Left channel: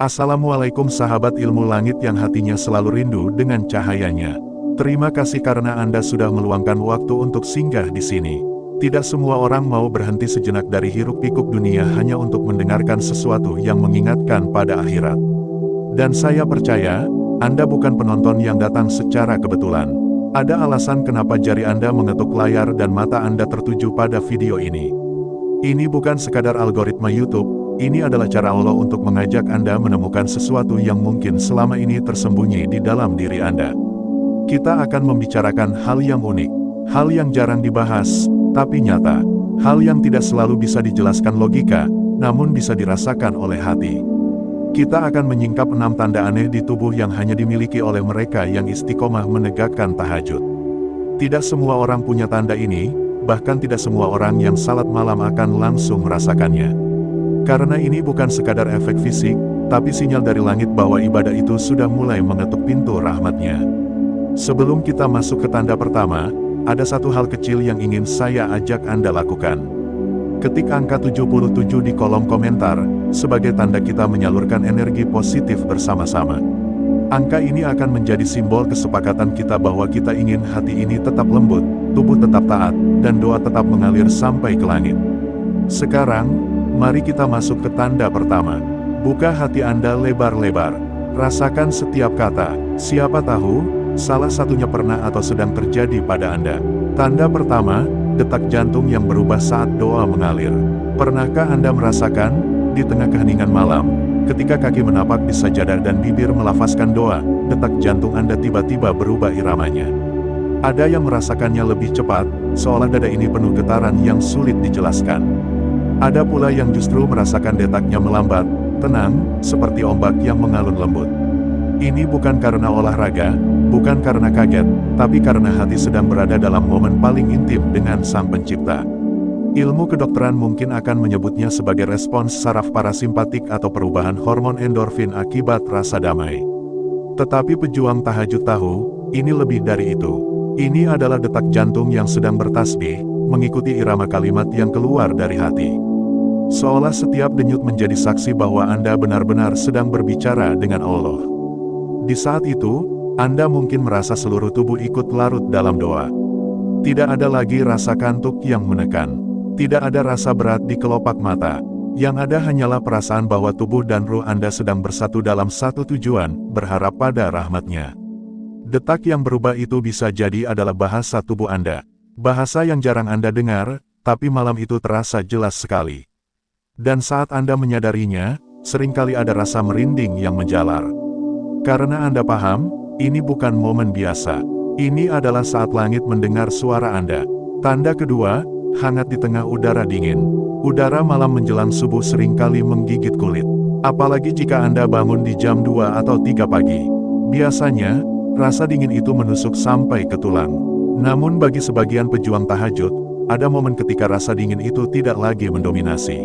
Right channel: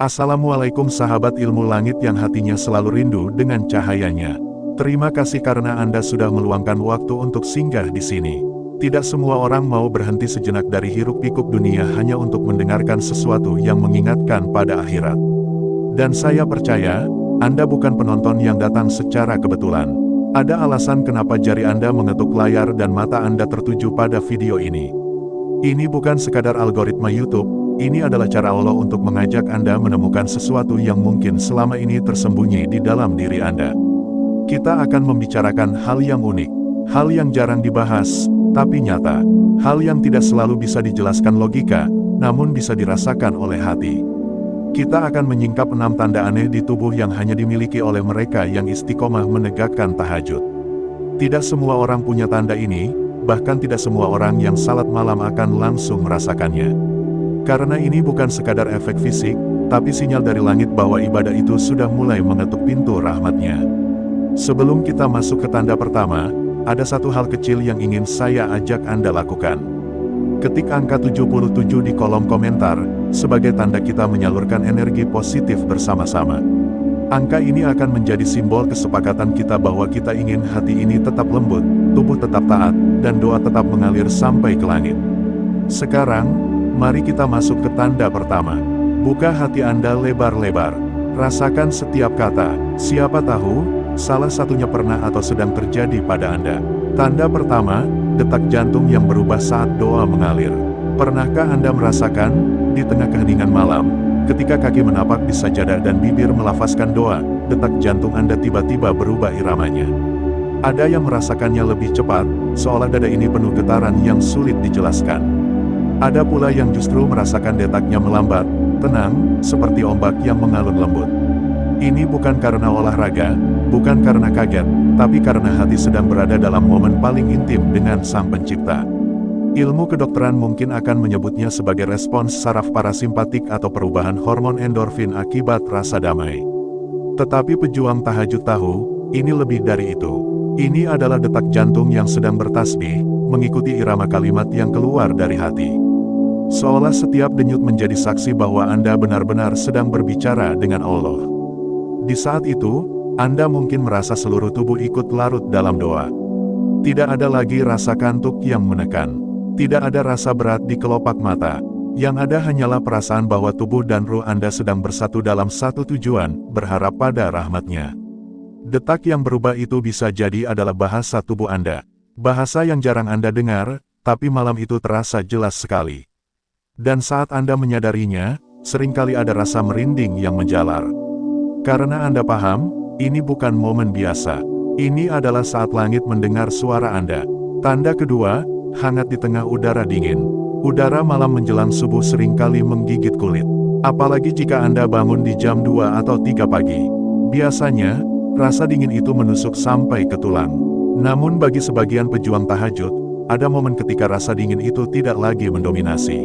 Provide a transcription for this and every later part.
Assalamualaikum sahabat ilmu langit yang hatinya selalu rindu dengan cahayanya. Terima kasih karena Anda sudah meluangkan waktu untuk singgah di sini. Tidak semua orang mau berhenti sejenak dari hiruk-pikuk dunia hanya untuk mendengarkan sesuatu yang mengingatkan pada akhirat. Dan saya percaya, Anda bukan penonton yang datang secara kebetulan. Ada alasan kenapa jari Anda mengetuk layar dan mata Anda tertuju pada video ini. Ini bukan sekadar algoritma YouTube. Ini adalah cara Allah untuk mengajak Anda menemukan sesuatu yang mungkin selama ini tersembunyi di dalam diri Anda. Kita akan membicarakan hal yang unik, hal yang jarang dibahas, tapi nyata. Hal yang tidak selalu bisa dijelaskan logika, namun bisa dirasakan oleh hati. Kita akan menyingkap 6 tanda aneh di tubuh yang hanya dimiliki oleh mereka yang istiqomah menegakkan tahajud. Tidak semua orang punya tanda ini, bahkan tidak semua orang yang salat malam akan langsung merasakannya. Karena ini bukan sekadar efek fisik, tapi sinyal dari langit bahwa ibadah itu sudah mulai mengetuk pintu rahmatnya. Sebelum kita masuk ke tanda pertama, ada satu hal kecil yang ingin saya ajak Anda lakukan. Ketik angka 77 di kolom komentar, sebagai tanda kita menyalurkan energi positif bersama-sama. Angka ini akan menjadi simbol kesepakatan kita bahwa kita ingin hati ini tetap lembut, tubuh tetap taat, dan doa tetap mengalir sampai ke langit. Sekarang, mari kita masuk ke tanda pertama. Buka hati Anda lebar-lebar. Rasakan setiap kata. Siapa tahu, salah satunya pernah atau sedang terjadi pada Anda. Tanda pertama, detak jantung yang berubah saat doa mengalir. Pernahkah Anda merasakan, di tengah keheningan malam, ketika kaki menapak di sajadah dan bibir melafazkan doa, detak jantung Anda tiba-tiba berubah iramanya? Ada yang merasakannya lebih cepat, seolah dada ini penuh getaran yang sulit dijelaskan. Ada pula yang justru merasakan detaknya melambat, tenang, seperti ombak yang mengalun lembut. Ini bukan karena olahraga, bukan karena kaget, tapi karena hati sedang berada dalam momen paling intim dengan Sang Pencipta. Ilmu kedokteran mungkin akan menyebutnya sebagai respons saraf parasimpatik atau perubahan hormon endorfin akibat rasa damai. Tetapi pejuang tahajud tahu, ini lebih dari itu. Ini adalah detak jantung yang sedang bertasbih, mengikuti irama kalimat yang keluar dari hati. Seolah setiap denyut menjadi saksi bahwa Anda benar-benar sedang berbicara dengan Allah. Di saat itu, Anda mungkin merasa seluruh tubuh ikut larut dalam doa. Tidak ada lagi rasa kantuk yang menekan. Tidak ada rasa berat di kelopak mata. Yang ada hanyalah perasaan bahwa tubuh dan ruh Anda sedang bersatu dalam satu tujuan, berharap pada rahmat-Nya. Detak yang berubah itu bisa jadi adalah bahasa tubuh Anda. Bahasa yang jarang Anda dengar, tapi malam itu terasa jelas sekali. Dan saat Anda menyadarinya, seringkali ada rasa merinding yang menjalar. Karena Anda paham, ini bukan momen biasa. Ini adalah saat langit mendengar suara Anda. Tanda kedua, hangat di tengah udara dingin. Udara malam menjelang subuh seringkali menggigit kulit. Apalagi jika Anda bangun di jam 2 atau 3 pagi. Biasanya, rasa dingin itu menusuk sampai ke tulang. Namun bagi sebagian pejuang tahajud, ada momen ketika rasa dingin itu tidak lagi mendominasi.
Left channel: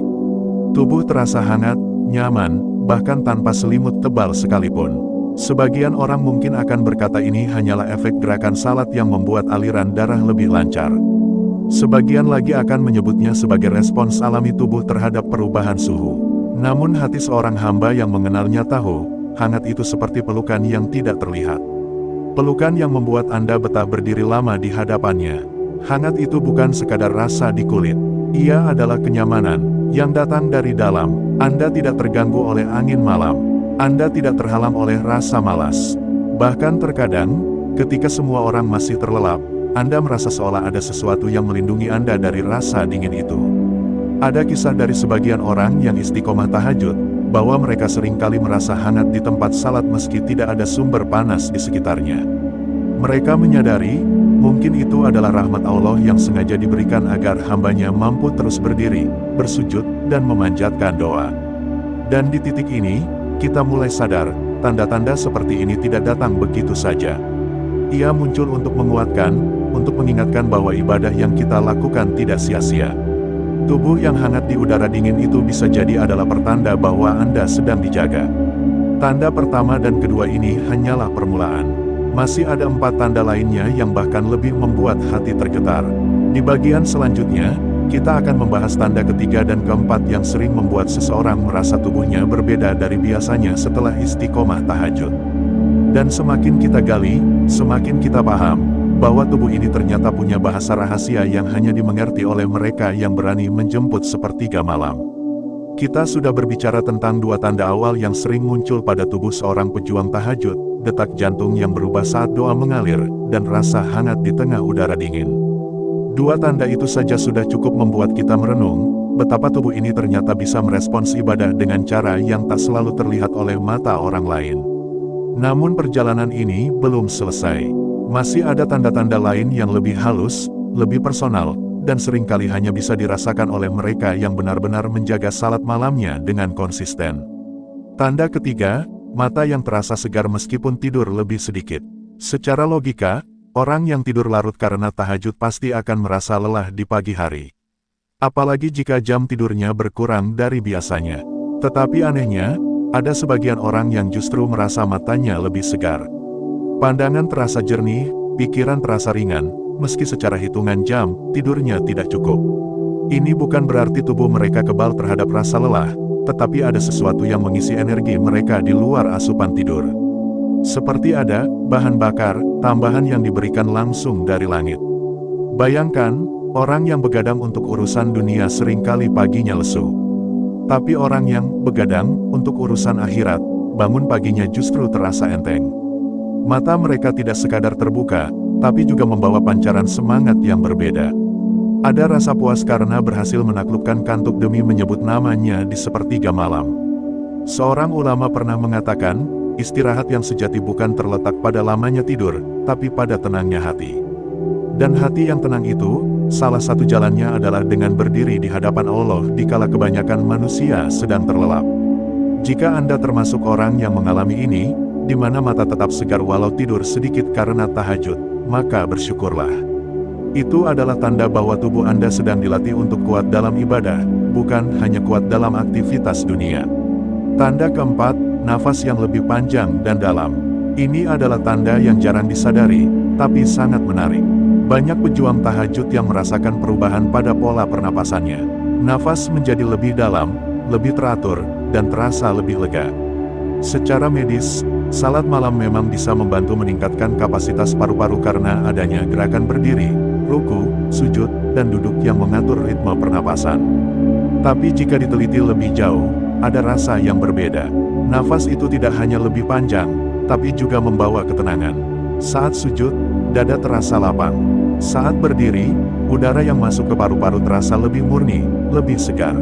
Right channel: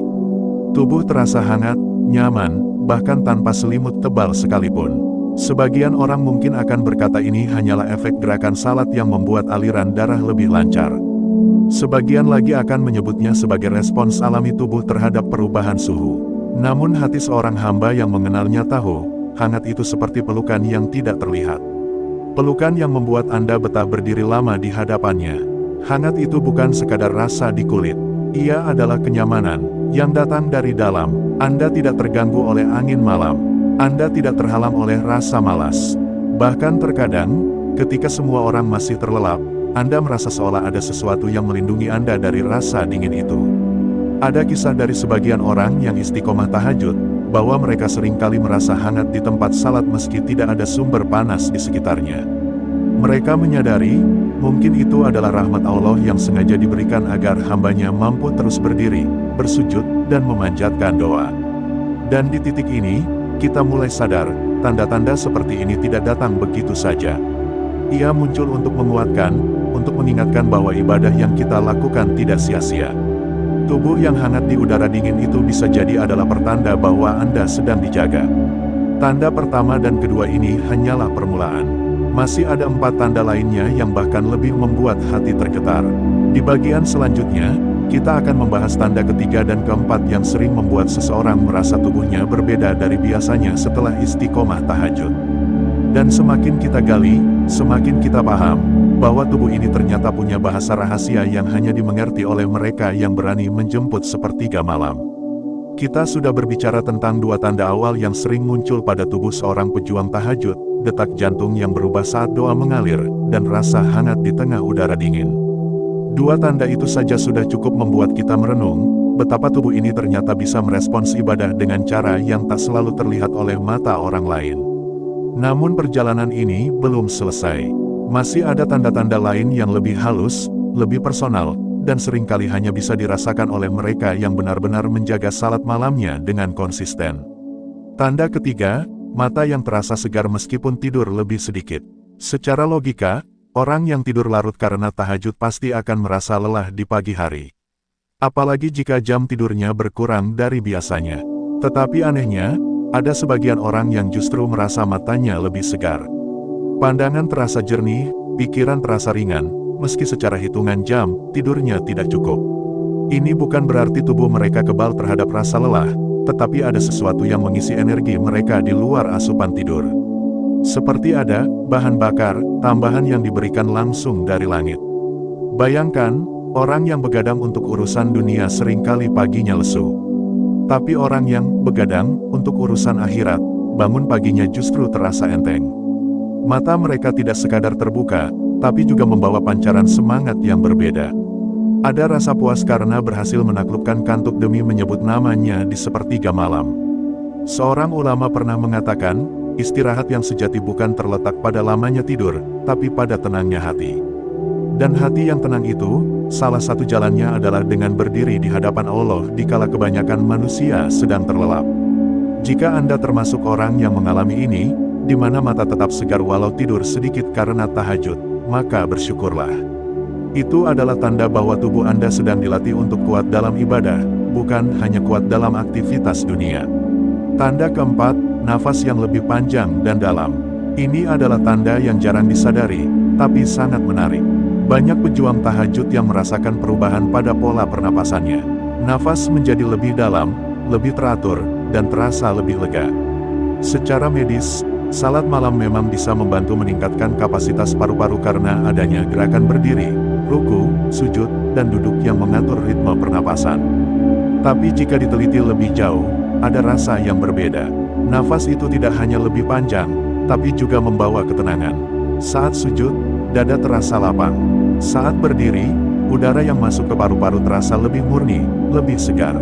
Tubuh terasa hangat, nyaman, bahkan tanpa selimut tebal sekalipun. Sebagian orang mungkin akan berkata ini hanyalah efek gerakan salat yang membuat aliran darah lebih lancar. Sebagian lagi akan menyebutnya sebagai respons alami tubuh terhadap perubahan suhu. Namun hati seorang hamba yang mengenalnya tahu, hangat itu seperti pelukan yang tidak terlihat. Pelukan yang membuat Anda betah berdiri lama di hadapannya. Hangat itu bukan sekadar rasa di kulit. Ia adalah kenyamanan yang datang dari dalam. Anda tidak terganggu oleh angin malam. Anda tidak terhalang oleh rasa malas. Bahkan terkadang, ketika semua orang masih terlelap, Anda merasa seolah ada sesuatu yang melindungi Anda dari rasa dingin itu. Ada kisah dari sebagian orang yang istiqomah tahajud, bahwa mereka seringkali merasa hangat di tempat salat meski tidak ada sumber panas di sekitarnya. Mereka menyadari, mungkin itu adalah rahmat Allah yang sengaja diberikan agar hambanya mampu terus berdiri, bersujud, dan memanjatkan doa. Dan di titik ini, kita mulai sadar, tanda-tanda seperti ini tidak datang begitu saja. Ia muncul untuk menguatkan, untuk mengingatkan bahwa ibadah yang kita lakukan tidak sia-sia. Tubuh yang hangat di udara dingin itu bisa jadi adalah pertanda bahwa Anda sedang dijaga. Tanda pertama dan kedua ini hanyalah permulaan. Masih ada 4 tanda lainnya yang bahkan lebih membuat hati tergetar. Di bagian selanjutnya, Kita akan membahas tanda ketiga dan keempat yang sering membuat seseorang merasa tubuhnya berbeda dari biasanya setelah istiqomah tahajud. Dan semakin kita gali, semakin kita paham bahwa tubuh ini ternyata punya bahasa rahasia yang hanya dimengerti oleh mereka yang berani menjemput sepertiga malam. Kita sudah berbicara tentang dua tanda awal yang sering muncul pada tubuh seorang pejuang tahajud, detak jantung yang berubah saat doa mengalir, dan rasa hangat di tengah udara dingin. Dua tanda itu saja sudah cukup membuat kita merenung, betapa tubuh ini ternyata bisa merespons ibadah dengan cara yang tak selalu terlihat oleh mata orang lain. Namun perjalanan ini belum selesai. Masih ada tanda-tanda lain yang lebih halus, lebih personal, dan seringkali hanya bisa dirasakan oleh mereka yang benar-benar menjaga salat malamnya dengan konsisten. Tanda ketiga, mata yang terasa segar meskipun tidur lebih sedikit. Secara logika, orang yang tidur larut karena tahajud pasti akan merasa lelah di pagi hari. Apalagi jika jam tidurnya berkurang dari biasanya. Tetapi anehnya, ada sebagian orang yang justru merasa matanya lebih segar. Pandangan terasa jernih, pikiran terasa ringan, meski secara hitungan jam, tidurnya tidak cukup. Ini bukan berarti tubuh mereka kebal terhadap rasa lelah, tetapi ada sesuatu yang mengisi energi mereka di luar asupan tidur. Seperti ada bahan bakar tambahan yang diberikan langsung dari langit. Bayangkan, orang yang begadang untuk urusan dunia seringkali paginya lesu. Tapi orang yang begadang untuk urusan akhirat, bangun paginya justru terasa enteng. Mata mereka tidak sekadar terbuka, tapi juga membawa pancaran semangat yang berbeda. Ada rasa puas karena berhasil menaklukkan kantuk demi menyebut namanya di sepertiga malam. Seorang ulama pernah mengatakan, istirahat yang sejati bukan terletak pada lamanya tidur, tapi pada tenangnya hati. Dan hati yang tenang itu, salah satu jalannya adalah dengan berdiri di hadapan Allah dikala kebanyakan manusia sedang terlelap. Jika Anda termasuk orang yang mengalami ini, di mana mata tetap segar walau tidur sedikit karena tahajud, maka bersyukurlah. Itu adalah tanda bahwa tubuh Anda sedang dilatih untuk kuat dalam ibadah, bukan hanya kuat dalam aktivitas dunia. Tanda keempat, nafas yang lebih panjang dan dalam. Ini adalah tanda yang jarang disadari, tapi sangat menarik. Banyak pejuang tahajud yang merasakan perubahan pada pola pernapasannya. Nafas menjadi lebih dalam, lebih teratur, dan terasa lebih lega. Secara medis, salat malam memang bisa membantu meningkatkan kapasitas paru-paru karena adanya gerakan berdiri, ruku, sujud, dan duduk yang mengatur ritme pernapasan. Tapi jika diteliti lebih jauh, ada rasa yang berbeda. Nafas itu tidak hanya lebih panjang, tapi juga membawa ketenangan. Saat sujud, dada terasa lapang. Saat berdiri, udara yang masuk ke paru-paru terasa lebih murni, lebih segar.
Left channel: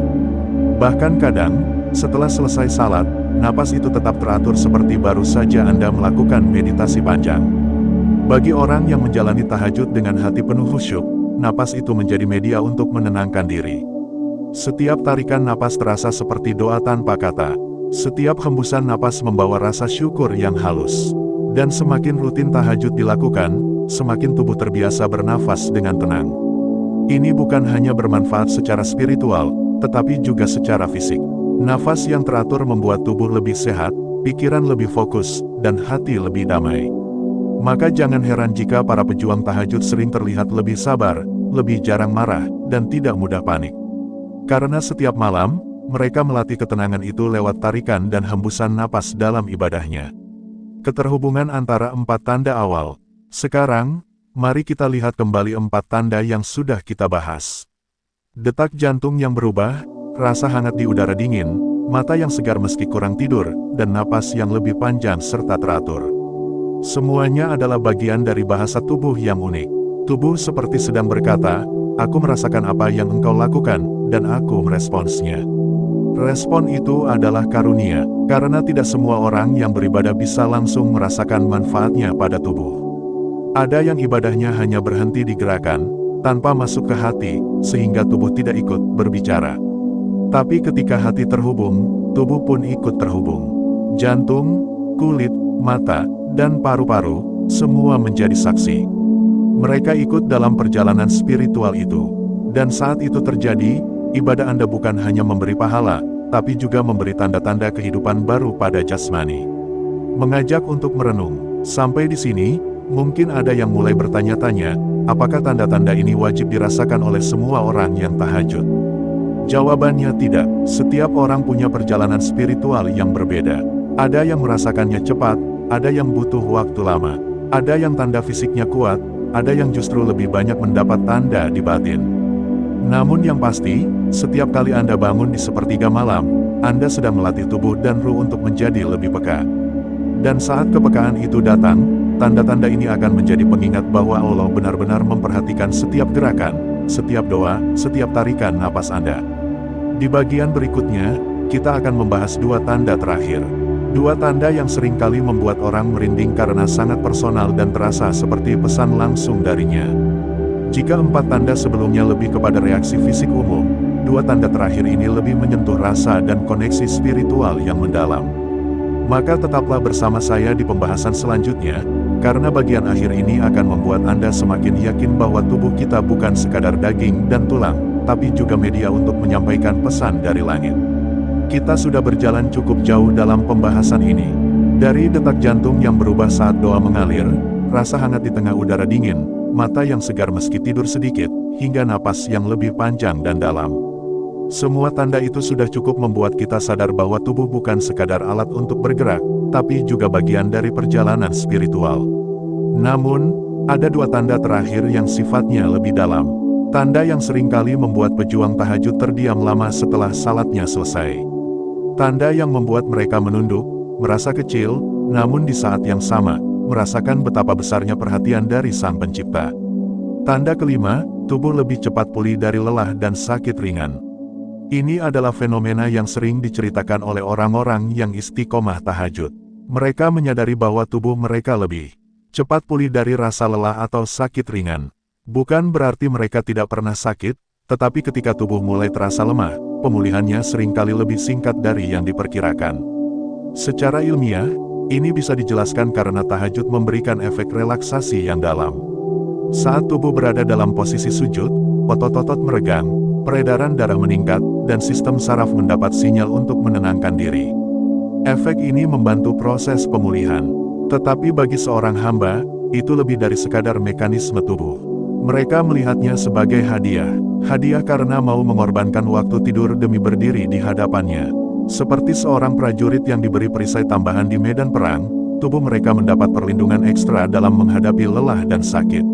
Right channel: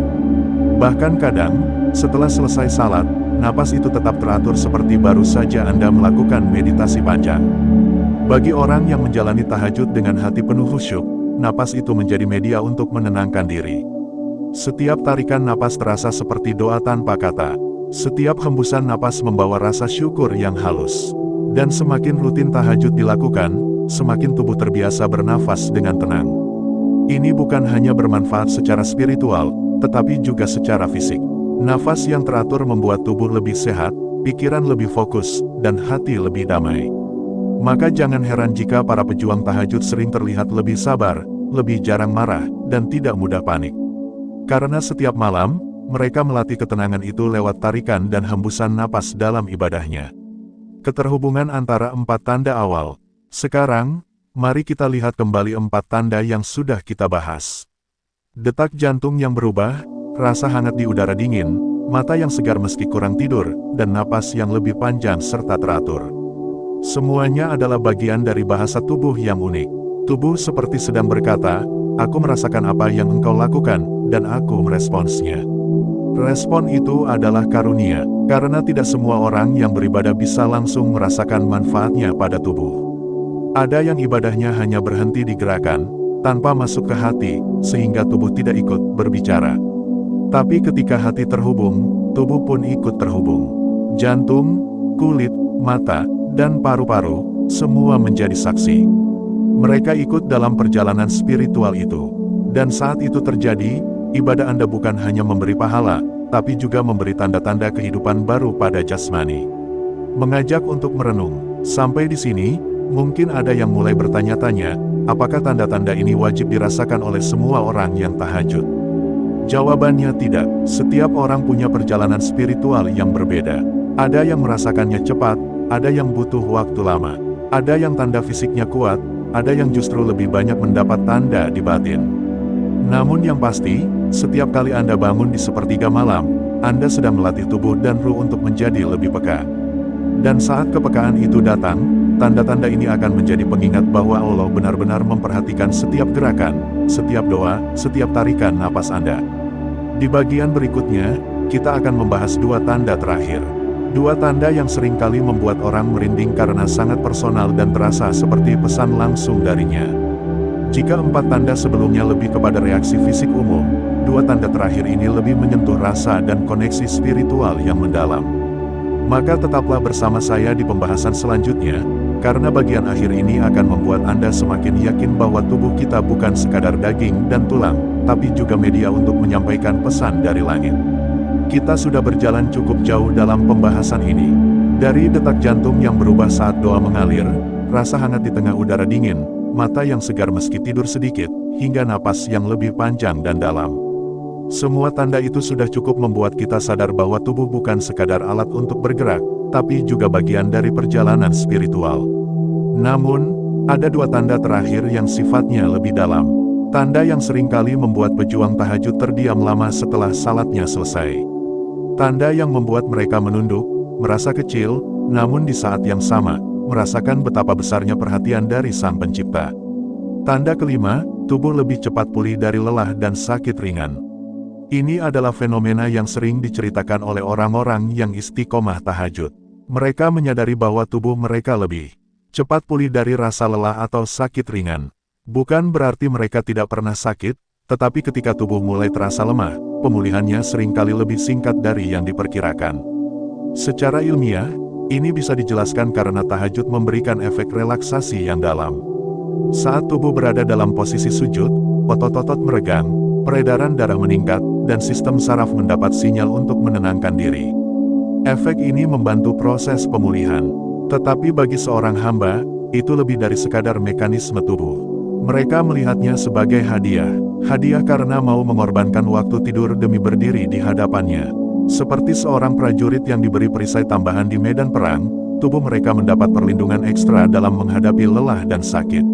Bahkan kadang, setelah selesai salat, napas itu tetap teratur seperti baru saja Anda melakukan meditasi panjang. Bagi orang yang menjalani tahajud dengan hati penuh khusyuk, napas itu menjadi media untuk menenangkan diri. Setiap tarikan napas terasa seperti doa tanpa kata. Setiap hembusan napas membawa rasa syukur yang halus. Dan semakin rutin tahajud dilakukan, semakin tubuh terbiasa bernafas dengan tenang. Ini bukan hanya bermanfaat secara spiritual, tetapi juga secara fisik. Nafas yang teratur membuat tubuh lebih sehat, pikiran lebih fokus, dan hati lebih damai. Maka jangan heran jika para pejuang tahajud sering terlihat lebih sabar, lebih jarang marah, dan tidak mudah panik. Karena setiap malam, mereka melatih ketenangan itu lewat tarikan dan hembusan napas dalam ibadahnya. Keterhubungan antara empat tanda awal. Sekarang, mari kita lihat kembali empat tanda yang sudah kita bahas. Detak jantung yang berubah, rasa hangat di udara dingin, mata yang segar meski kurang tidur, dan napas yang lebih panjang serta teratur. Semuanya adalah bagian dari bahasa tubuh yang unik. Tubuh seperti sedang berkata, aku merasakan apa yang engkau lakukan, dan aku meresponsnya. Respon itu adalah karunia, karena tidak semua orang yang beribadah bisa langsung merasakan manfaatnya pada tubuh. Ada yang ibadahnya hanya berhenti di gerakan, tanpa masuk ke hati, sehingga tubuh tidak ikut berbicara. Tapi ketika hati terhubung, tubuh pun ikut terhubung. Jantung, kulit, mata, dan paru-paru, semua menjadi saksi. Mereka ikut dalam perjalanan spiritual itu. Dan saat itu terjadi, ibadah Anda bukan hanya memberi pahala, tapi juga memberi tanda-tanda kehidupan baru pada jasmani. Mengajak untuk merenung. Sampai di sini, mungkin ada yang mulai bertanya-tanya, apakah tanda-tanda ini wajib dirasakan oleh semua orang yang tahajud? Jawabannya tidak. Setiap orang punya perjalanan spiritual yang berbeda. Ada yang merasakannya cepat, ada yang butuh waktu lama. Ada yang tanda fisiknya kuat, ada yang justru lebih banyak mendapat tanda di batin. Namun yang pasti, setiap kali Anda bangun di sepertiga malam, Anda sedang melatih tubuh dan ruh untuk menjadi lebih peka. Dan saat kepekaan itu datang, tanda-tanda ini akan menjadi pengingat bahwa Allah benar-benar memperhatikan setiap gerakan, setiap doa, setiap tarikan napas Anda. Di bagian berikutnya, kita akan membahas dua tanda terakhir. Dua tanda yang sering kali membuat orang merinding karena sangat personal dan terasa seperti pesan langsung darinya. Jika empat tanda sebelumnya lebih kepada reaksi fisik umum, dua tanda terakhir ini lebih menyentuh rasa dan koneksi spiritual yang mendalam. Maka tetaplah bersama saya di pembahasan selanjutnya, karena bagian akhir ini akan membuat Anda semakin yakin bahwa tubuh kita bukan sekadar daging dan tulang, tapi juga media untuk menyampaikan pesan dari langit. Kita sudah berjalan cukup jauh dalam pembahasan ini. Dari detak jantung yang berubah saat doa mengalir, rasa hangat di tengah udara dingin, mata yang segar meski tidur sedikit, hingga napas yang lebih panjang dan dalam. Semua tanda itu sudah cukup membuat kita sadar bahwa tubuh bukan sekadar alat untuk bergerak, tapi juga bagian dari perjalanan spiritual. Namun, ada dua tanda terakhir yang sifatnya lebih dalam. Tanda yang seringkali membuat pejuang tahajud terdiam lama setelah salatnya selesai. Tanda yang membuat mereka menunduk, merasa kecil, namun di saat yang sama, merasakan betapa besarnya perhatian dari Sang Pencipta. Tanda kelima, tubuh lebih cepat pulih dari lelah dan sakit ringan. Ini adalah fenomena yang sering diceritakan oleh orang-orang yang istiqomah tahajud. Mereka menyadari bahwa tubuh mereka lebih cepat pulih dari rasa lelah atau sakit ringan. Bukan berarti mereka tidak pernah sakit, tetapi ketika tubuh mulai terasa lemah, pemulihannya seringkali lebih singkat dari yang diperkirakan. Secara ilmiah, ini bisa dijelaskan karena tahajud memberikan efek relaksasi yang dalam. Saat tubuh berada dalam posisi sujud, otot-otot meregang, peredaran darah meningkat, dan sistem saraf mendapat sinyal untuk menenangkan diri. Efek ini membantu proses pemulihan. Tetapi bagi seorang hamba, itu lebih dari sekadar mekanisme tubuh. Mereka melihatnya sebagai hadiah. Hadiah karena mau mengorbankan waktu tidur demi berdiri di hadapannya. Seperti seorang prajurit yang diberi perisai tambahan di medan perang, tubuh mereka mendapat perlindungan ekstra dalam menghadapi lelah dan sakit.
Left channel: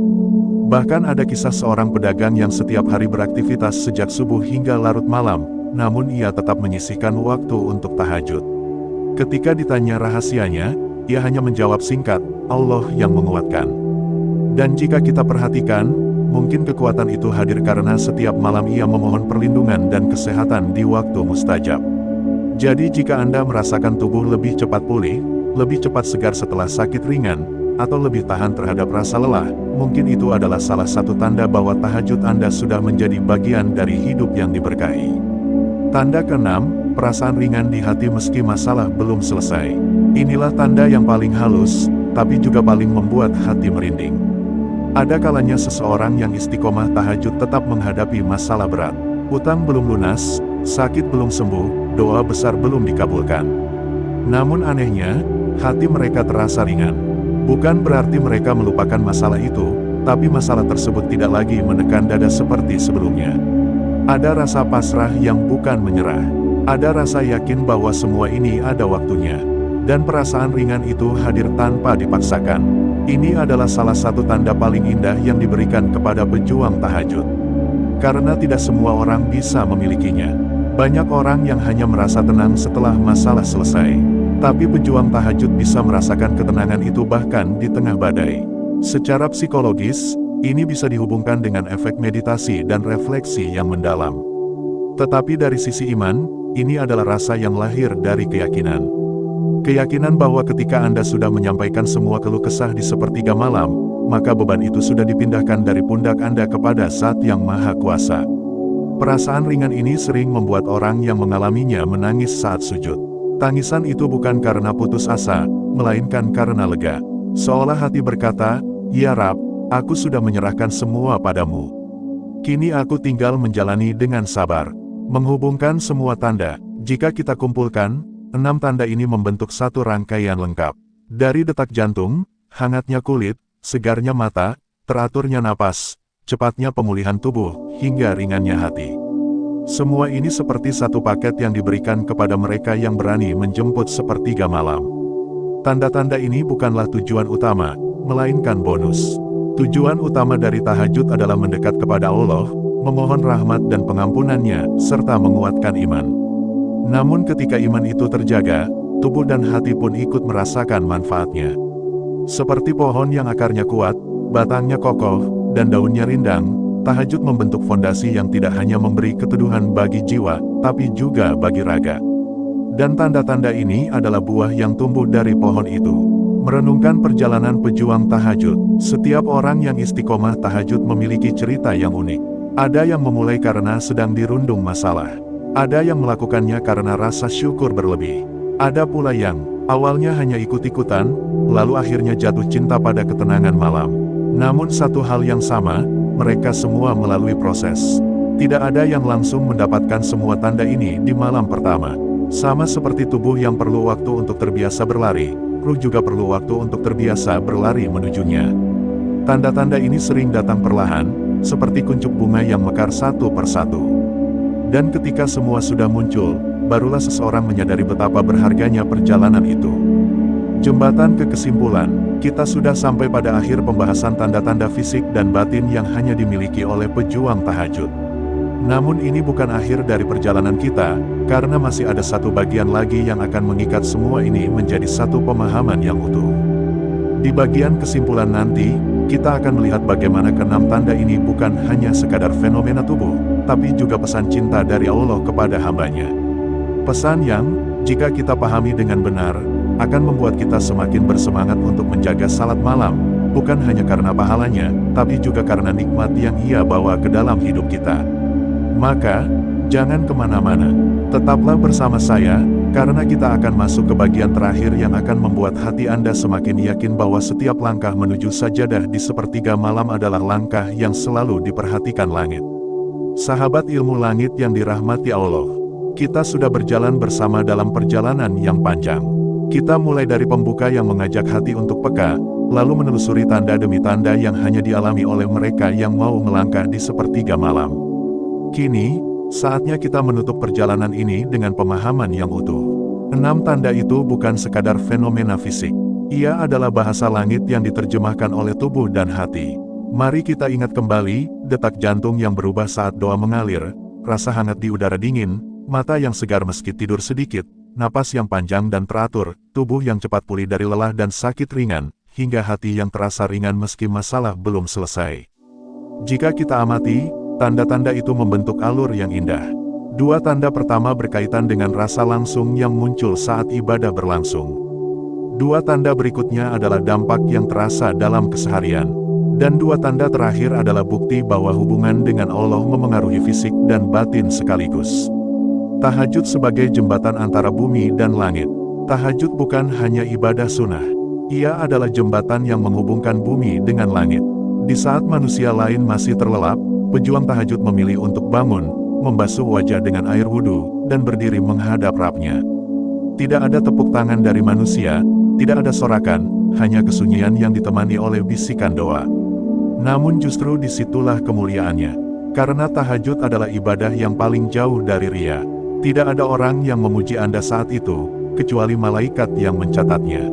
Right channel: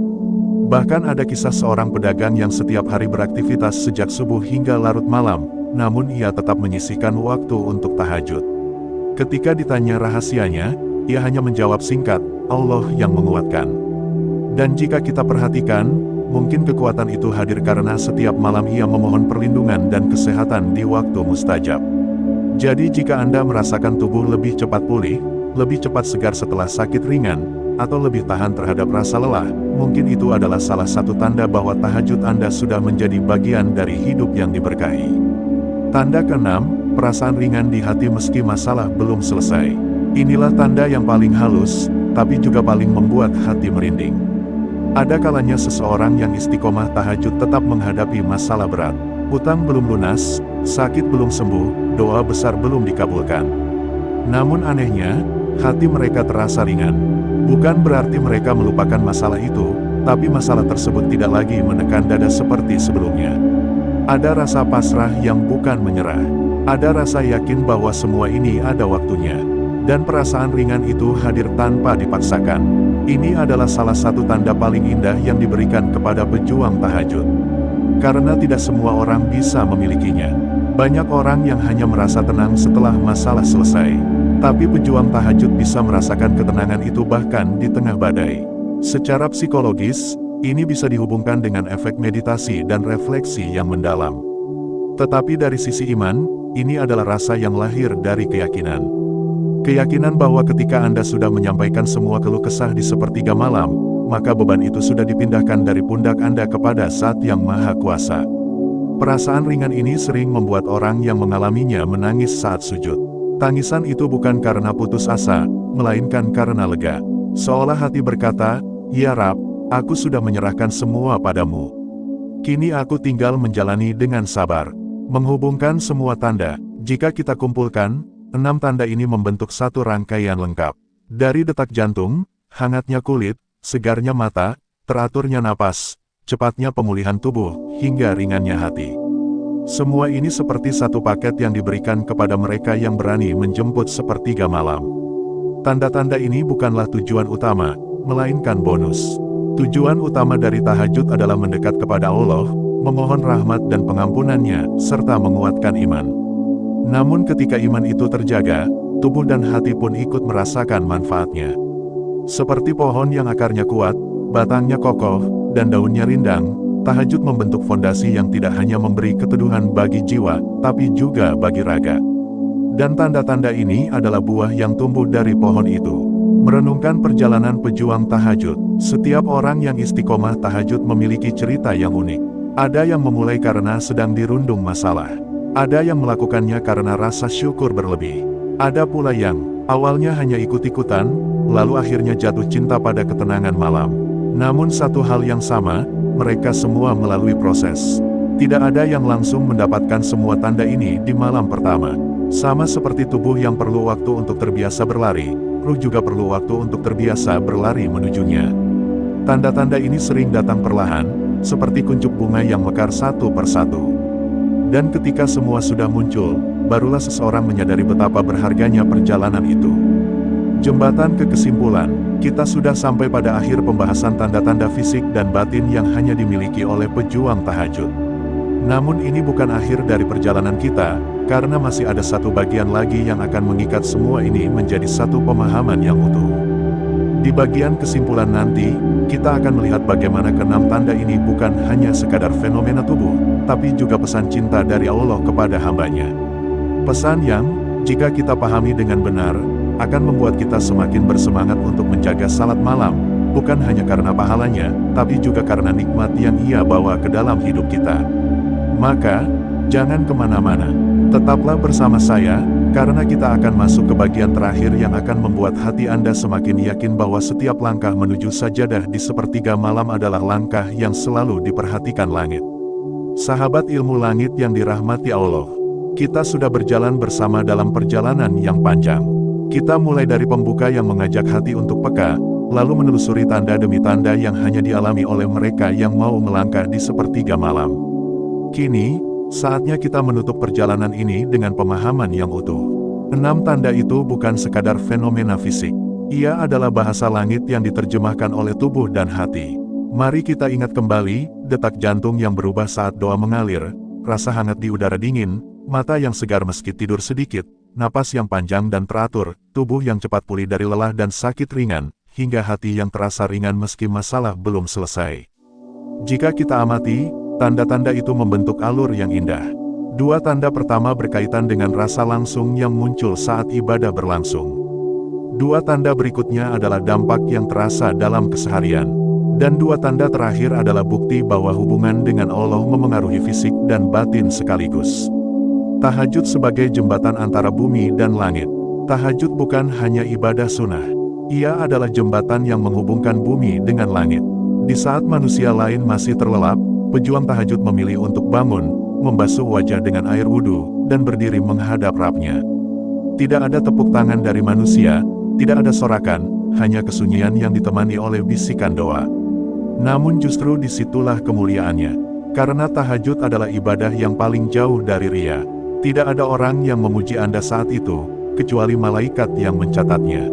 Bahkan ada kisah seorang pedagang yang setiap hari beraktivitas sejak subuh hingga larut malam, namun ia tetap menyisihkan waktu untuk tahajud. Ketika ditanya rahasianya, ia hanya menjawab singkat, Allah yang menguatkan. Dan jika kita perhatikan, mungkin kekuatan itu hadir karena setiap malam ia memohon perlindungan dan kesehatan di waktu mustajab. Jadi jika Anda merasakan tubuh lebih cepat pulih, lebih cepat segar setelah sakit ringan, atau lebih tahan terhadap rasa lelah, mungkin itu adalah salah satu tanda bahwa tahajud Anda sudah menjadi bagian dari hidup yang diberkahi. Tanda keenam, perasaan ringan di hati meski masalah belum selesai. Inilah tanda yang paling halus, tapi juga paling membuat hati merinding. Ada kalanya seseorang yang istiqomah tahajud tetap menghadapi masalah berat. Hutang belum lunas, sakit belum sembuh, doa besar belum dikabulkan. Namun anehnya, hati mereka terasa ringan. Bukan berarti mereka melupakan masalah itu, tapi masalah tersebut tidak lagi menekan dada seperti sebelumnya. Ada rasa pasrah yang bukan menyerah. Ada rasa yakin bahwa semua ini ada waktunya. Dan perasaan ringan itu hadir tanpa dipaksakan. Ini adalah salah satu tanda paling indah yang diberikan kepada pejuang tahajud. Karena tidak semua orang bisa memilikinya. Banyak orang yang hanya merasa tenang setelah masalah selesai. Tapi pejuang tahajud bisa merasakan ketenangan itu bahkan di tengah badai. Secara psikologis, ini bisa dihubungkan dengan efek meditasi dan refleksi yang mendalam. Tetapi dari sisi iman, ini adalah rasa yang lahir dari keyakinan. Keyakinan bahwa ketika Anda sudah menyampaikan semua keluh kesah di sepertiga malam, maka beban itu sudah dipindahkan dari pundak Anda kepada Zat yang Maha Kuasa. Perasaan ringan ini sering membuat orang yang mengalaminya menangis saat sujud. Tangisan itu bukan karena putus asa, melainkan karena lega. Seolah hati berkata, "Ya Rab, aku sudah menyerahkan semua padamu. Kini aku tinggal menjalani dengan sabar." Menghubungkan semua tanda, jika kita kumpulkan, 6 tanda ini membentuk satu rangkaian lengkap. Dari detak jantung, hangatnya kulit, segarnya mata, teraturnya napas, cepatnya pemulihan tubuh, hingga ringannya hati. Semua ini seperti satu paket yang diberikan kepada mereka yang berani menjemput sepertiga malam. Tanda-tanda ini bukanlah tujuan utama, melainkan bonus. Tujuan utama dari tahajud adalah mendekat kepada Allah, memohon rahmat dan pengampunannya, serta menguatkan iman. Namun ketika iman itu terjaga, tubuh dan hati pun ikut merasakan manfaatnya. Seperti pohon yang akarnya kuat, batangnya kokoh, dan daunnya rindang, tahajud membentuk fondasi yang tidak hanya memberi keteduhan bagi jiwa, tapi juga bagi raga. Dan tanda-tanda ini adalah buah yang tumbuh dari pohon itu. Merenungkan perjalanan pejuang tahajud, setiap orang yang istiqomah tahajud memiliki cerita yang unik. Ada yang memulai karena sedang dirundung masalah. Ada yang melakukannya karena rasa syukur berlebih. Ada pula yang awalnya hanya ikut-ikutan, lalu akhirnya jatuh cinta pada ketenangan malam. Namun satu hal yang sama, mereka semua melalui proses. Tidak ada yang langsung mendapatkan semua tanda ini di malam pertama. Sama seperti tubuh yang perlu waktu untuk terbiasa berlari, ruh juga perlu waktu untuk terbiasa berlari menujunya. Tanda-tanda ini sering datang perlahan, seperti kuncup bunga yang mekar satu persatu. Dan ketika semua sudah muncul, barulah seseorang menyadari betapa berharganya perjalanan itu. Jembatan ke kesimpulan, kita sudah sampai pada akhir pembahasan tanda-tanda fisik dan batin yang hanya dimiliki oleh pejuang tahajud. Namun ini bukan akhir dari perjalanan kita, karena masih ada satu bagian lagi yang akan mengikat semua ini menjadi satu pemahaman yang utuh. Di bagian kesimpulan nanti, kita akan melihat bagaimana keenam tanda ini bukan hanya sekadar fenomena tubuh, tapi juga pesan cinta dari Allah kepada hambanya. Pesan yang, jika kita pahami dengan benar, akan membuat kita semakin bersemangat untuk menjaga salat malam, bukan hanya karena pahalanya, tapi juga karena nikmat yang Ia bawa ke dalam hidup kita. Maka, jangan kemana-mana. Tetaplah bersama saya, karena kita akan masuk ke bagian terakhir yang akan membuat hati Anda semakin yakin bahwa setiap langkah menuju sajadah di sepertiga malam adalah langkah yang selalu diperhatikan langit. Sahabat ilmu langit yang dirahmati Allah, kita sudah berjalan bersama dalam perjalanan yang panjang. Kita mulai dari pembuka yang mengajak hati untuk peka, lalu menelusuri tanda demi tanda yang hanya dialami oleh mereka yang mau melangkah di sepertiga malam. Kini, saatnya kita menutup perjalanan ini dengan pemahaman yang utuh. 6 tanda itu bukan sekadar fenomena fisik. Ia adalah bahasa langit yang diterjemahkan oleh tubuh dan hati. Mari kita ingat kembali, detak jantung yang berubah saat doa mengalir, rasa hangat di udara dingin, mata yang segar meski tidur sedikit, napas yang panjang dan teratur, tubuh yang cepat pulih dari lelah dan sakit ringan, hingga hati yang terasa ringan meski masalah belum selesai. Jika kita amati, tanda-tanda itu membentuk alur yang indah. 2 tanda pertama berkaitan dengan rasa langsung yang muncul saat ibadah berlangsung. 2 tanda berikutnya adalah dampak yang terasa dalam keseharian. Dan 2 tanda terakhir adalah bukti bahwa hubungan dengan Allah memengaruhi fisik dan batin sekaligus. Tahajud sebagai jembatan antara bumi dan langit. Tahajud bukan hanya ibadah sunnah. Ia adalah jembatan yang menghubungkan bumi dengan langit. Di saat manusia lain masih terlelap, pejuang tahajud memilih untuk bangun, membasuh wajah dengan air wudhu, dan berdiri menghadap Rabb-Nya. Tidak ada tepuk tangan dari manusia, tidak ada sorakan, hanya kesunyian yang ditemani oleh bisikan doa. Namun justru disitulah kemuliaannya. Karena tahajud adalah ibadah yang paling jauh dari ria. Tidak ada orang yang memuji Anda saat itu, kecuali malaikat yang mencatatnya.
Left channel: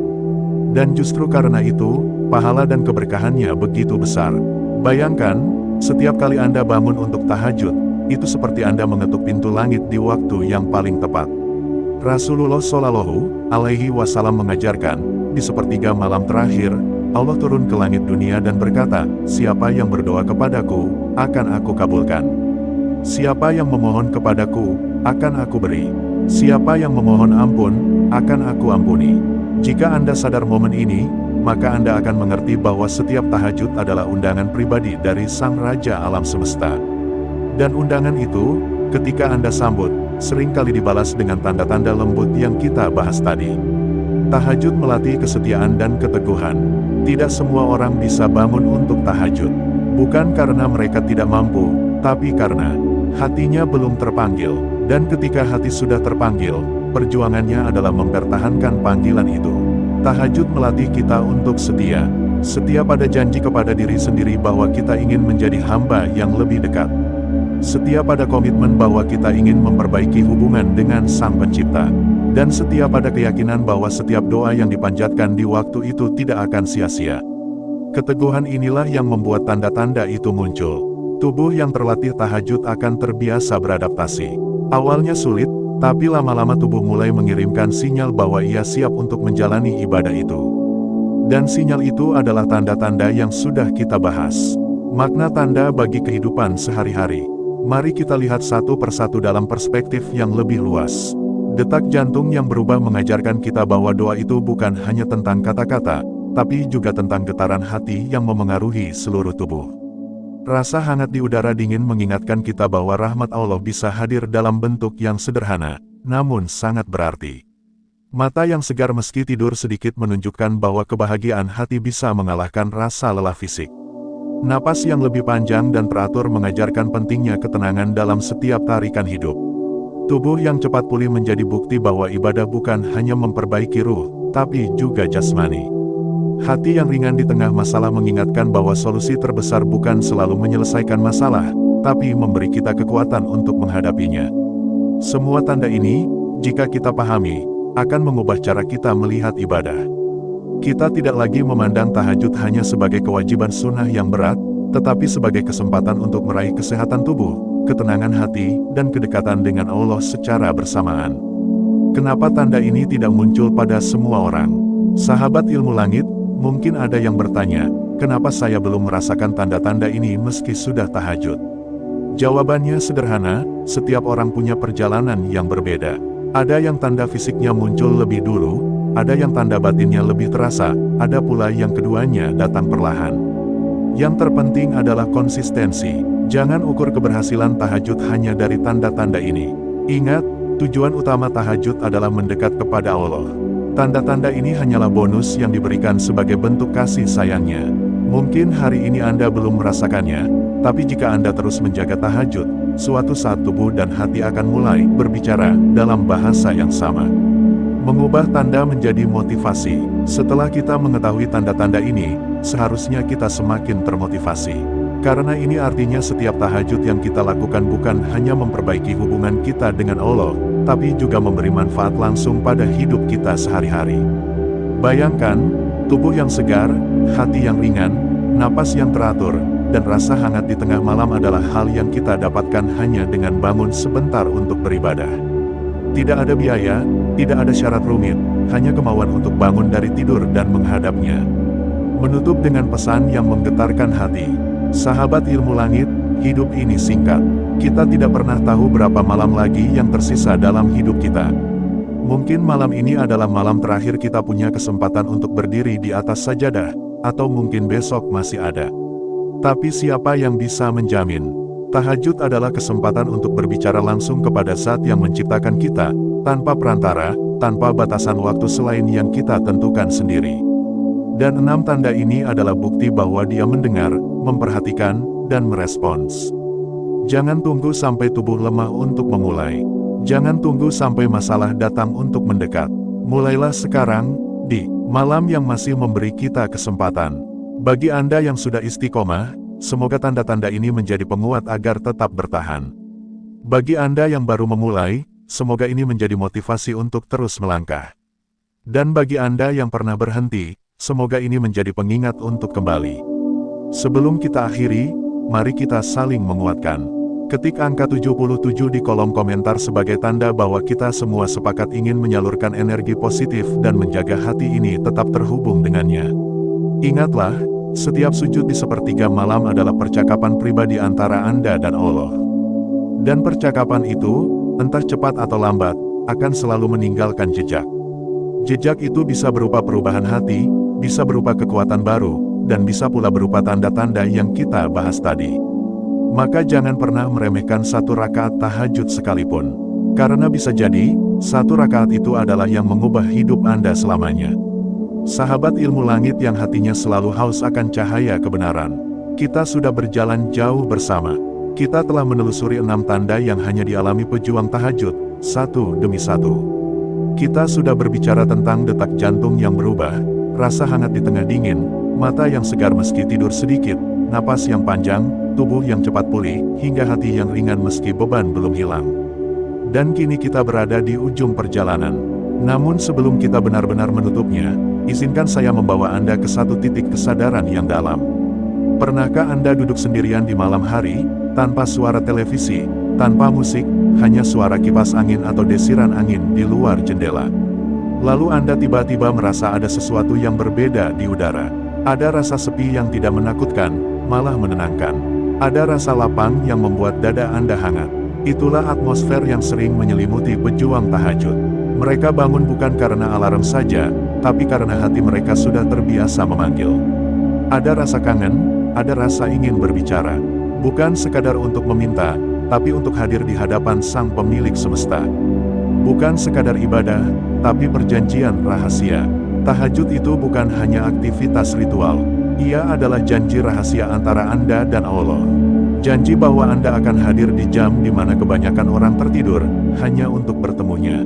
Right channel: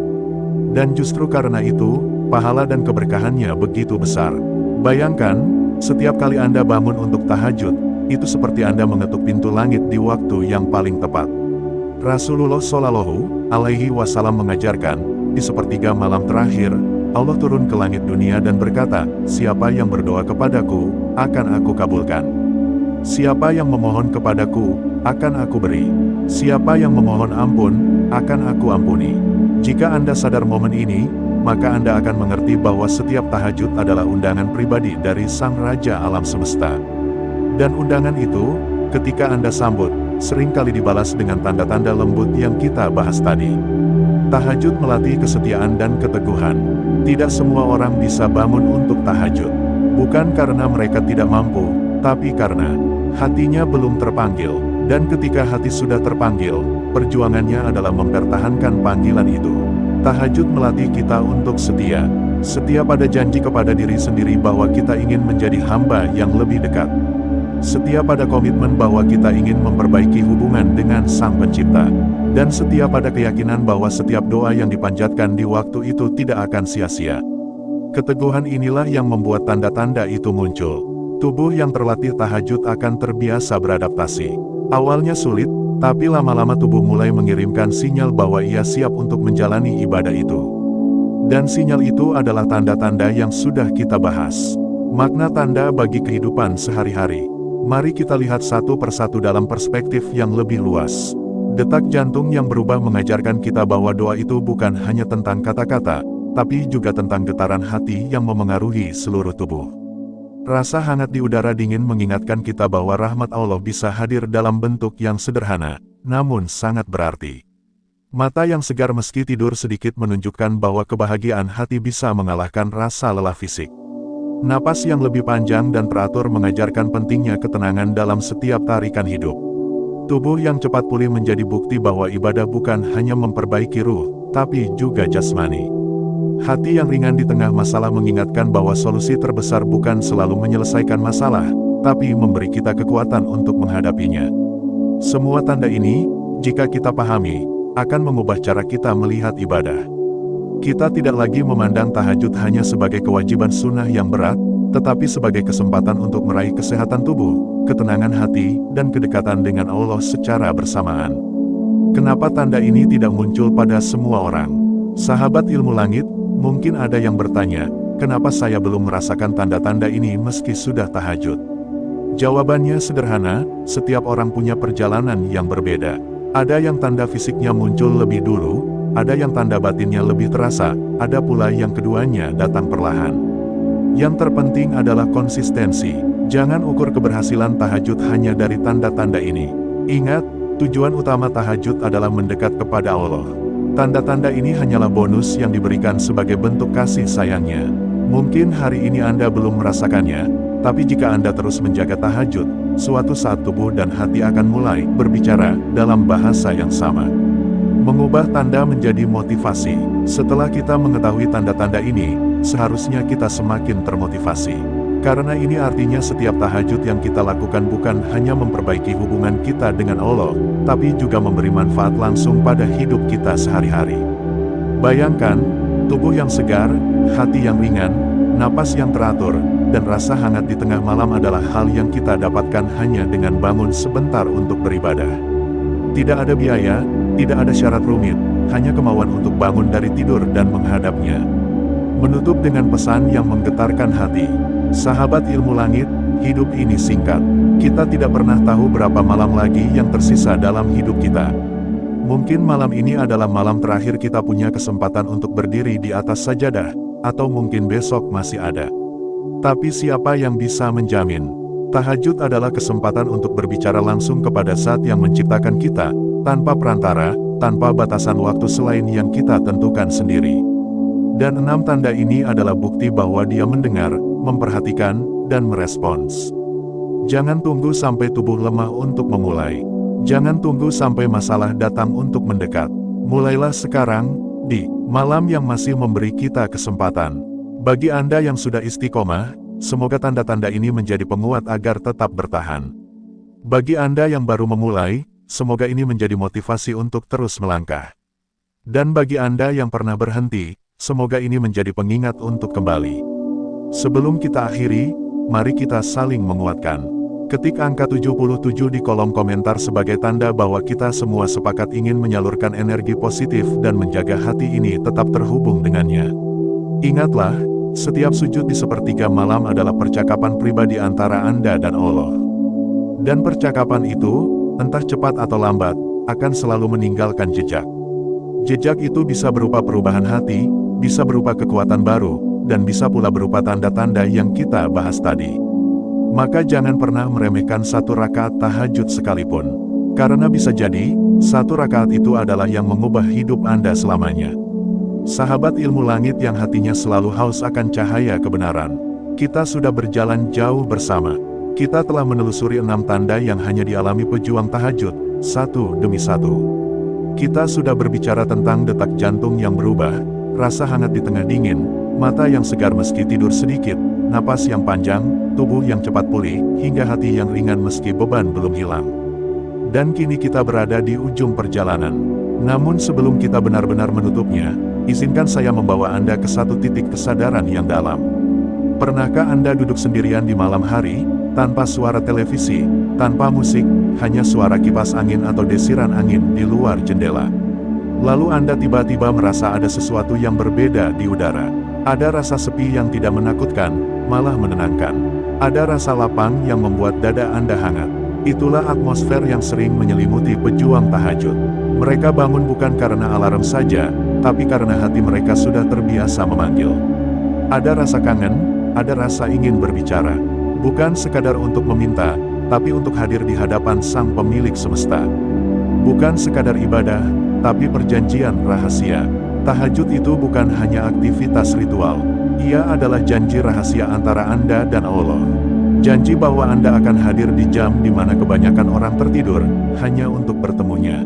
Dan justru karena itu, pahala dan keberkahannya begitu besar. Bayangkan, setiap kali Anda bangun untuk tahajud, itu seperti Anda mengetuk pintu langit di waktu yang paling tepat. Rasulullah Shallallahu Alaihi Wasallam mengajarkan, di sepertiga malam terakhir, Allah turun ke langit dunia dan berkata, siapa yang berdoa kepadaku, akan aku kabulkan. Siapa yang memohon kepadaku, akan aku beri. Siapa yang memohon ampun, akan aku ampuni. Jika Anda sadar momen ini, maka Anda akan mengerti bahwa setiap tahajud adalah undangan pribadi dari Sang Raja Alam Semesta. Dan undangan itu, ketika Anda sambut, seringkali dibalas dengan tanda-tanda lembut yang kita bahas tadi. Tahajud melatih kesetiaan dan keteguhan. Tidak semua orang bisa bangun untuk tahajud. Bukan karena mereka tidak mampu, tapi karena hatinya belum terpanggil. Dan ketika hati sudah terpanggil, perjuangannya adalah mempertahankan panggilan itu. Tahajud melatih kita untuk setia. Setiap ada janji kepada diri sendiri bahwa kita ingin menjadi hamba yang lebih dekat. Setiap ada komitmen bahwa kita ingin memperbaiki hubungan dengan Sang Pencipta. Dan setiap ada keyakinan bahwa setiap doa yang dipanjatkan di waktu itu tidak akan sia-sia. Keteguhan inilah yang membuat tanda-tanda itu muncul. Tubuh yang terlatih tahajud akan terbiasa beradaptasi. Awalnya sulit, tapi lama-lama tubuh mulai mengirimkan sinyal bahwa ia siap untuk menjalani ibadah itu. Dan sinyal itu adalah tanda-tanda yang sudah kita bahas. Makna tanda bagi kehidupan sehari-hari. Mari kita lihat satu persatu dalam perspektif yang lebih luas. Detak jantung yang berubah mengajarkan kita bahwa doa itu bukan hanya tentang kata-kata, tapi juga tentang getaran hati yang memengaruhi seluruh tubuh. Rasa hangat di udara dingin mengingatkan kita bahwa rahmat Allah bisa hadir dalam bentuk yang sederhana, namun sangat berarti. Mata yang segar meski tidur sedikit menunjukkan bahwa kebahagiaan hati bisa mengalahkan rasa lelah fisik. Napas yang lebih panjang dan teratur mengajarkan pentingnya ketenangan dalam setiap tarikan hidup. Tubuh yang cepat pulih menjadi bukti bahwa ibadah bukan hanya memperbaiki ruh, tapi juga jasmani. Hati yang ringan di tengah masalah mengingatkan bahwa solusi terbesar bukan selalu menyelesaikan masalah, tapi memberi kita kekuatan untuk menghadapinya. Semua tanda ini, jika kita pahami, akan mengubah cara kita melihat ibadah. Kita tidak lagi memandang tahajud hanya sebagai kewajiban sunnah yang berat, tetapi sebagai kesempatan untuk meraih kesehatan tubuh, ketenangan hati, dan kedekatan dengan Allah secara bersamaan. Kenapa tanda ini tidak muncul pada semua orang? Sahabat ilmu langit, mungkin ada yang bertanya, kenapa saya belum merasakan tanda-tanda ini meski sudah tahajud? Jawabannya sederhana, setiap orang punya perjalanan yang berbeda. Ada yang tanda fisiknya muncul lebih dulu, ada yang tanda batinnya lebih terasa, ada pula yang keduanya datang perlahan. Yang terpenting adalah konsistensi. Jangan ukur keberhasilan tahajud hanya dari tanda-tanda ini. Ingat, tujuan utama tahajud adalah mendekat kepada Allah. Tanda-tanda ini hanyalah bonus yang diberikan sebagai bentuk kasih sayangnya. Mungkin hari ini Anda belum merasakannya, tapi jika Anda terus menjaga tahajud, suatu saat tubuh dan hati akan mulai berbicara dalam bahasa yang sama. Mengubah tanda menjadi motivasi. Setelah kita mengetahui tanda-tanda ini, seharusnya kita semakin termotivasi. Karena ini artinya setiap tahajud yang kita lakukan bukan hanya memperbaiki hubungan kita dengan Allah, tapi juga memberi manfaat langsung pada hidup kita sehari-hari. Bayangkan, tubuh yang segar, hati yang ringan, napas yang teratur, dan rasa hangat di tengah malam adalah hal yang kita dapatkan hanya dengan bangun sebentar untuk beribadah. Tidak ada biaya, tidak ada syarat rumit, hanya kemauan untuk bangun dari tidur dan menghadapnya. Menutup dengan pesan yang menggetarkan hati. Sahabat ilmu langit, hidup ini singkat. Kita tidak pernah tahu berapa malam lagi yang tersisa dalam hidup kita. Mungkin malam ini adalah malam terakhir kita punya kesempatan untuk berdiri di atas sajadah, atau mungkin besok masih ada. Tapi siapa yang bisa menjamin? Tahajud adalah kesempatan untuk berbicara langsung kepada Zat yang menciptakan kita, tanpa perantara, tanpa batasan waktu selain yang kita tentukan sendiri. Dan 6 tanda ini adalah bukti bahwa Dia mendengar, memperhatikan, dan merespons. Jangan tunggu sampai tubuh lemah untuk memulai. Jangan tunggu sampai masalah datang untuk mendekat. Mulailah sekarang, di malam yang masih memberi kita kesempatan. Bagi Anda yang sudah istiqomah, semoga tanda-tanda ini menjadi penguat agar tetap bertahan. Bagi Anda yang baru memulai, semoga ini menjadi motivasi untuk terus melangkah. Dan bagi Anda yang pernah berhenti, semoga ini menjadi pengingat untuk kembali. Sebelum kita akhiri, mari kita saling menguatkan. Ketik angka 77 di kolom komentar sebagai tanda bahwa kita semua sepakat ingin menyalurkan energi positif dan menjaga hati ini tetap terhubung dengannya. Ingatlah, setiap sujud di sepertiga malam adalah percakapan pribadi antara Anda dan Allah. Dan percakapan itu, entah cepat atau lambat, akan selalu meninggalkan jejak. Jejak itu bisa berupa perubahan hati, bisa berupa kekuatan baru, dan bisa pula berupa tanda-tanda yang kita bahas tadi. Maka jangan pernah meremehkan satu rakaat tahajud sekalipun. Karena bisa jadi, satu rakaat itu adalah yang mengubah hidup Anda selamanya. Sahabat ilmu langit yang hatinya selalu haus akan cahaya kebenaran. Kita sudah berjalan jauh bersama. Kita telah menelusuri 6 tanda yang hanya dialami pejuang tahajud, satu demi satu. Kita sudah berbicara tentang detak jantung yang berubah, rasa hangat di tengah dingin, Mata yang segar meski tidur sedikit, napas yang panjang, tubuh yang cepat pulih, hingga hati yang ringan meski beban belum hilang. Dan kini kita berada di ujung perjalanan. Namun sebelum kita benar-benar menutupnya, izinkan saya membawa Anda ke satu titik kesadaran yang dalam. Pernahkah Anda duduk sendirian di malam hari, tanpa suara televisi, tanpa musik, hanya suara kipas angin atau desiran angin di luar jendela? Lalu Anda tiba-tiba merasa ada sesuatu yang berbeda di udara. Ada rasa sepi yang tidak menakutkan, malah menenangkan. Ada rasa lapang yang membuat dada Anda hangat. Itulah atmosfer yang sering menyelimuti pejuang tahajud. Mereka bangun bukan karena alarm saja, tapi karena hati mereka sudah terbiasa memanggil. Ada rasa kangen, ada rasa ingin berbicara. Bukan sekadar untuk meminta, tapi untuk hadir di hadapan Sang Pemilik Semesta. Bukan sekadar ibadah, tapi perjanjian rahasia. Tahajud itu bukan hanya aktivitas ritual. Ia adalah janji rahasia antara Anda dan Allah. Janji bahwa Anda akan hadir di jam di mana kebanyakan orang tertidur, hanya untuk bertemunya.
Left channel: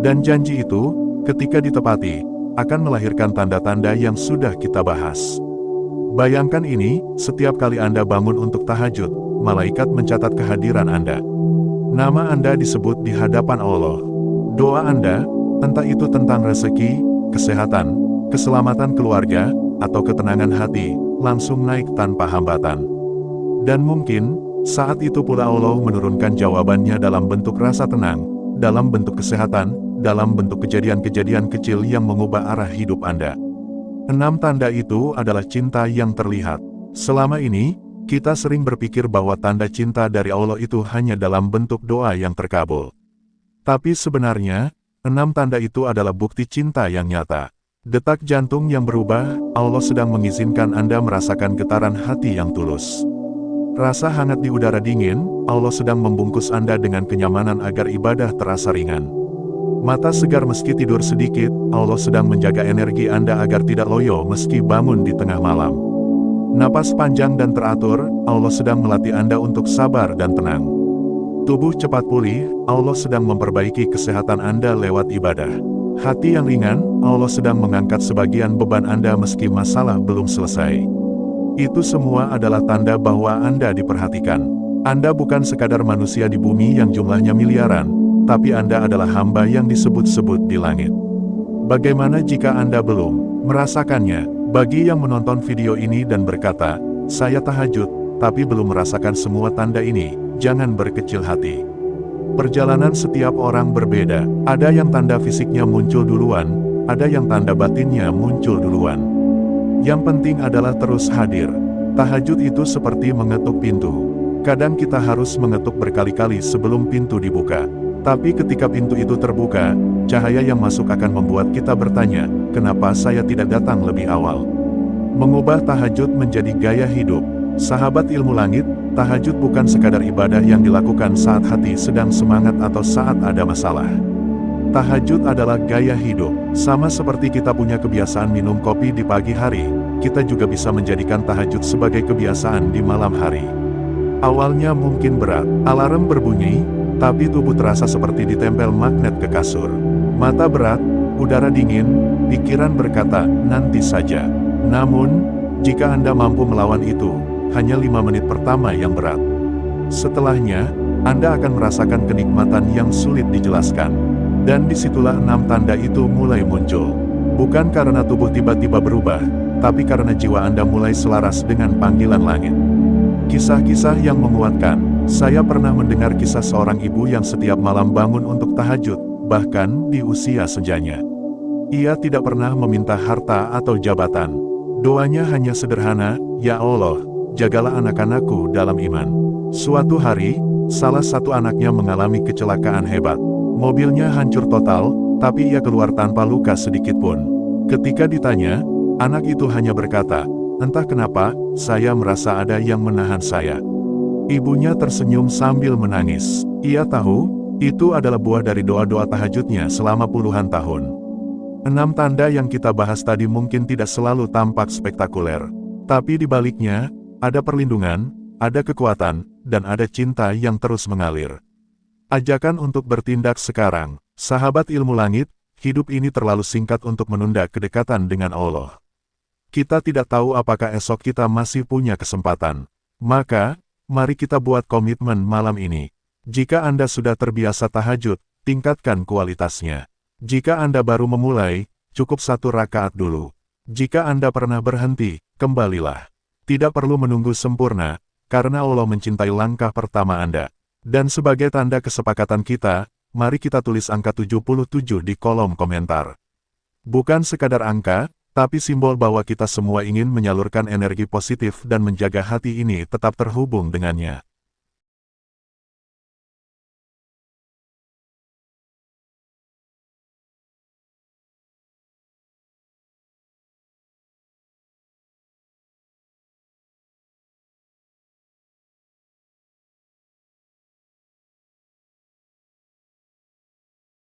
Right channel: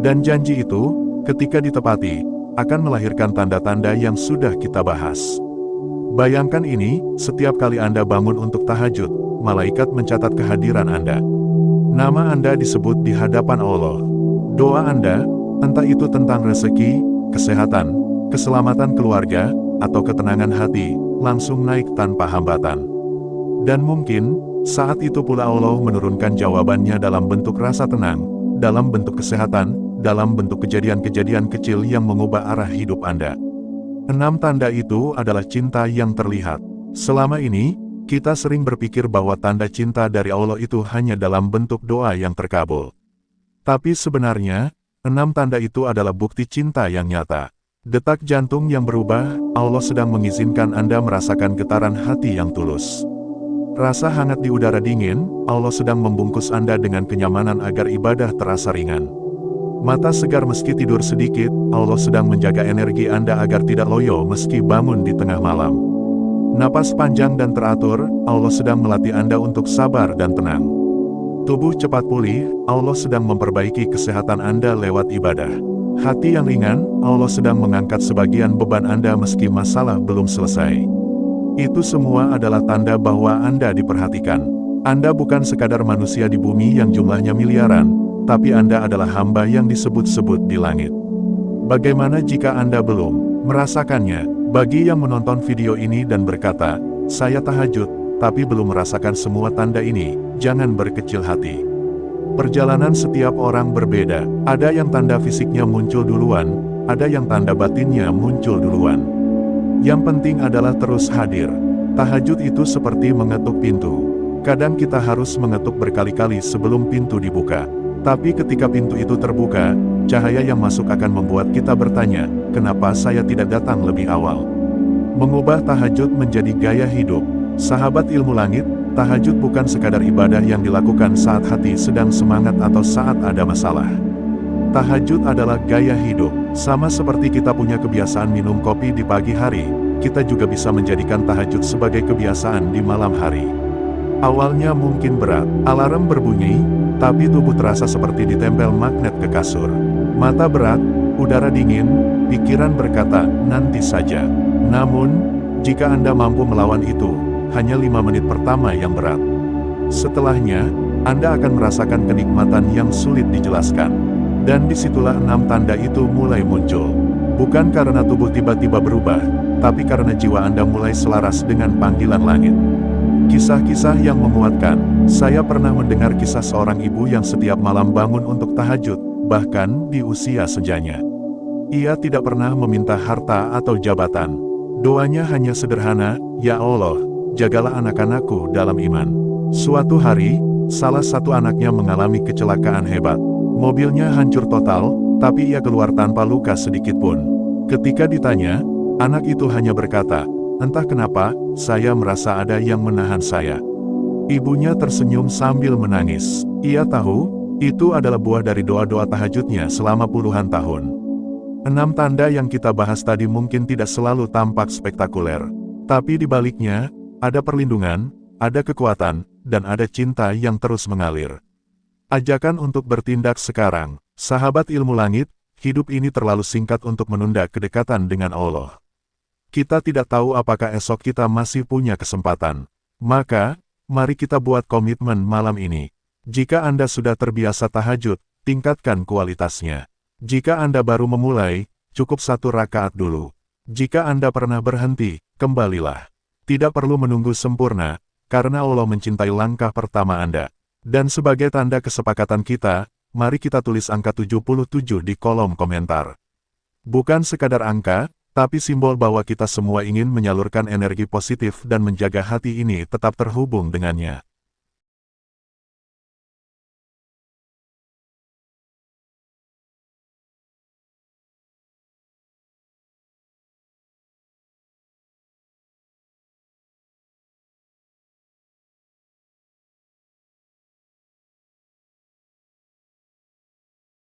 Dan janji itu, ketika ditepati, akan melahirkan tanda-tanda yang sudah kita bahas. Bayangkan ini, setiap kali Anda bangun untuk tahajud, malaikat mencatat kehadiran Anda. Nama Anda disebut di hadapan Allah. Doa Anda, entah itu tentang rezeki, kesehatan, keselamatan keluarga, atau ketenangan hati, langsung naik tanpa hambatan. Dan mungkin, saat itu pula Allah menurunkan jawabannya dalam bentuk rasa tenang, dalam bentuk kesehatan, dalam bentuk kejadian-kejadian kecil yang mengubah arah hidup Anda. 6 tanda itu adalah cinta yang terlihat. Selama ini, kita sering berpikir bahwa tanda cinta dari Allah itu hanya dalam bentuk doa yang terkabul. Tapi sebenarnya, 6 tanda itu adalah bukti cinta yang nyata. Detak jantung yang berubah, Allah sedang mengizinkan Anda merasakan getaran hati yang tulus. Rasa hangat di udara dingin, Allah sedang membungkus Anda dengan kenyamanan agar ibadah terasa ringan. Mata segar meski tidur sedikit, Allah sedang menjaga energi Anda agar tidak loyo meski bangun di tengah malam. Napas panjang dan teratur, Allah sedang melatih Anda untuk sabar dan tenang. Tubuh cepat pulih, Allah sedang memperbaiki kesehatan Anda lewat ibadah. Hati yang ringan, Allah sedang mengangkat sebagian beban Anda meski masalah belum selesai. Itu semua adalah tanda bahwa Anda diperhatikan. Anda bukan sekadar manusia di bumi yang jumlahnya miliaran, tapi Anda adalah hamba yang disebut-sebut di langit. Bagaimana jika Anda belum merasakannya? Bagi yang menonton video ini dan berkata, "Saya tahajud, tapi belum merasakan semua tanda ini," jangan berkecil hati. Perjalanan setiap orang berbeda. Ada yang tanda fisiknya muncul duluan, ada yang tanda batinnya muncul duluan. Yang penting adalah terus hadir. Tahajud itu seperti mengetuk pintu. Kadang kita harus mengetuk berkali-kali sebelum pintu dibuka. Tapi ketika pintu itu terbuka, cahaya yang masuk akan membuat kita bertanya, kenapa saya tidak datang lebih awal? Mengubah tahajud menjadi gaya hidup. Sahabat ilmu langit, tahajud bukan sekadar ibadah yang dilakukan saat hati sedang semangat atau saat ada masalah. Tahajud adalah gaya hidup. Sama seperti kita punya kebiasaan minum kopi di pagi hari, kita juga bisa menjadikan tahajud sebagai kebiasaan di malam hari. Awalnya mungkin berat, alarm berbunyi, tapi tubuh terasa seperti ditempel magnet ke kasur. Mata berat, udara dingin, pikiran berkata, nanti saja. Namun, jika Anda mampu melawan itu, hanya 5 menit pertama yang berat. Setelahnya, Anda akan merasakan kenikmatan yang sulit dijelaskan. Dan disitulah 6 tanda itu mulai muncul. Bukan karena tubuh tiba-tiba berubah, tapi karena jiwa Anda mulai selaras dengan panggilan langit. Kisah-kisah yang menguatkan. Saya pernah mendengar kisah seorang ibu yang setiap malam bangun untuk tahajud, bahkan di usia senjanya. Ia tidak pernah meminta harta atau jabatan. Doanya hanya sederhana, "Ya Allah, jagalah anak-anakku dalam iman." Suatu hari, salah satu anaknya mengalami kecelakaan hebat. Mobilnya hancur total, tapi ia keluar tanpa luka sedikit pun. Ketika ditanya, anak itu hanya berkata, "Entah kenapa, saya merasa ada yang menahan saya." Ibunya tersenyum sambil menangis. Ia tahu, itu adalah buah dari doa-doa tahajudnya selama puluhan tahun. 6 tanda yang kita bahas tadi mungkin tidak selalu tampak spektakuler. Tapi di baliknya, ada perlindungan, ada kekuatan, dan ada cinta yang terus mengalir. Ajakan untuk bertindak sekarang. Sahabat ilmu langit, hidup ini terlalu singkat untuk menunda kedekatan dengan Allah. Kita tidak tahu apakah esok kita masih punya kesempatan. Maka, mari kita buat komitmen malam ini. Jika Anda sudah terbiasa tahajud, tingkatkan kualitasnya. Jika Anda baru memulai, cukup 1 rakaat dulu. Jika Anda pernah berhenti, kembalilah. Tidak perlu menunggu sempurna, karena Allah mencintai langkah pertama Anda. Dan sebagai tanda kesepakatan kita, mari kita tulis angka 77 di kolom komentar. Bukan sekadar angka, tapi simbol bahwa kita semua ingin menyalurkan energi positif dan menjaga hati ini tetap terhubung dengannya.